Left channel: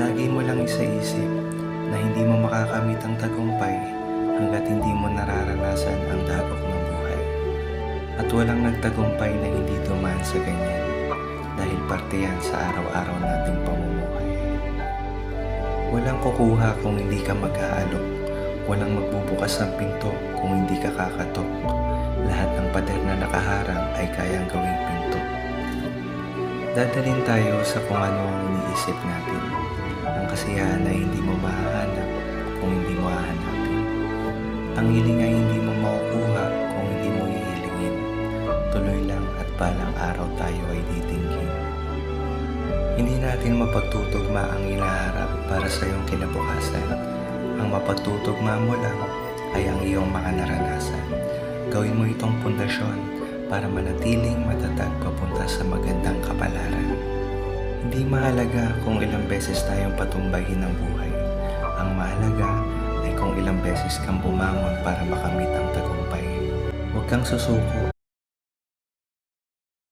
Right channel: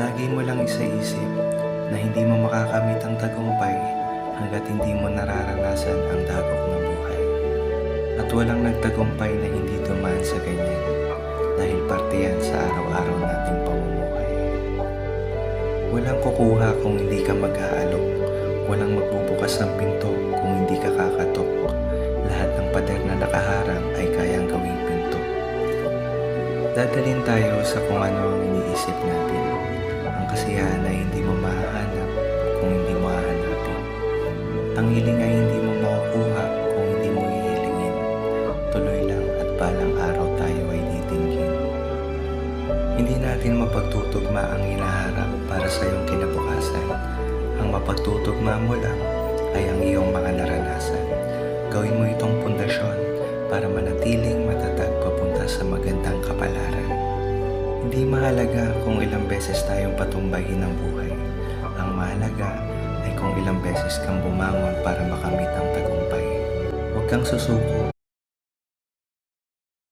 Lagi mo lang isaisip na hindi mo makakamit ang tagumpay hanggat hindi mo nararanasan ang dagok ng buhay. At walang nagtagumpay na hindi dumaan sa ganyan dahil parte yan sa araw-araw nating pamumuhay. Walang kukuha kung hindi ka mag-aalok. Walang magbubukas ng pinto kung hindi ka kakatok. Lahat ng pader na nakaharang ay kayang gawing pinto. Dadalhin tayo sa kung ano ang iniisip natin. Ang kasiyahan ay hindi mo mahahanap kung hindi mo hahanapin. Ang hiling ay hindi mo makukuha kung hindi mo hihilingin. Tuloy lang at balang araw tayo ay titinggin. Hindi natin mapagtutugma ang hinaharap para sa iyong kinabukasan. Ang mapagtutugma mo lang ay ang iyong mga naranasan. Gawin mo itong pundasyon para manatiling matatag papunta sa magandang kapalaran. Hindi mahalaga kung ilang beses tayong patumbahin ng buhay. Ang mahalaga ay kung ilang beses kang bumangon para makamit ang tagumpay. Huwag kang susuko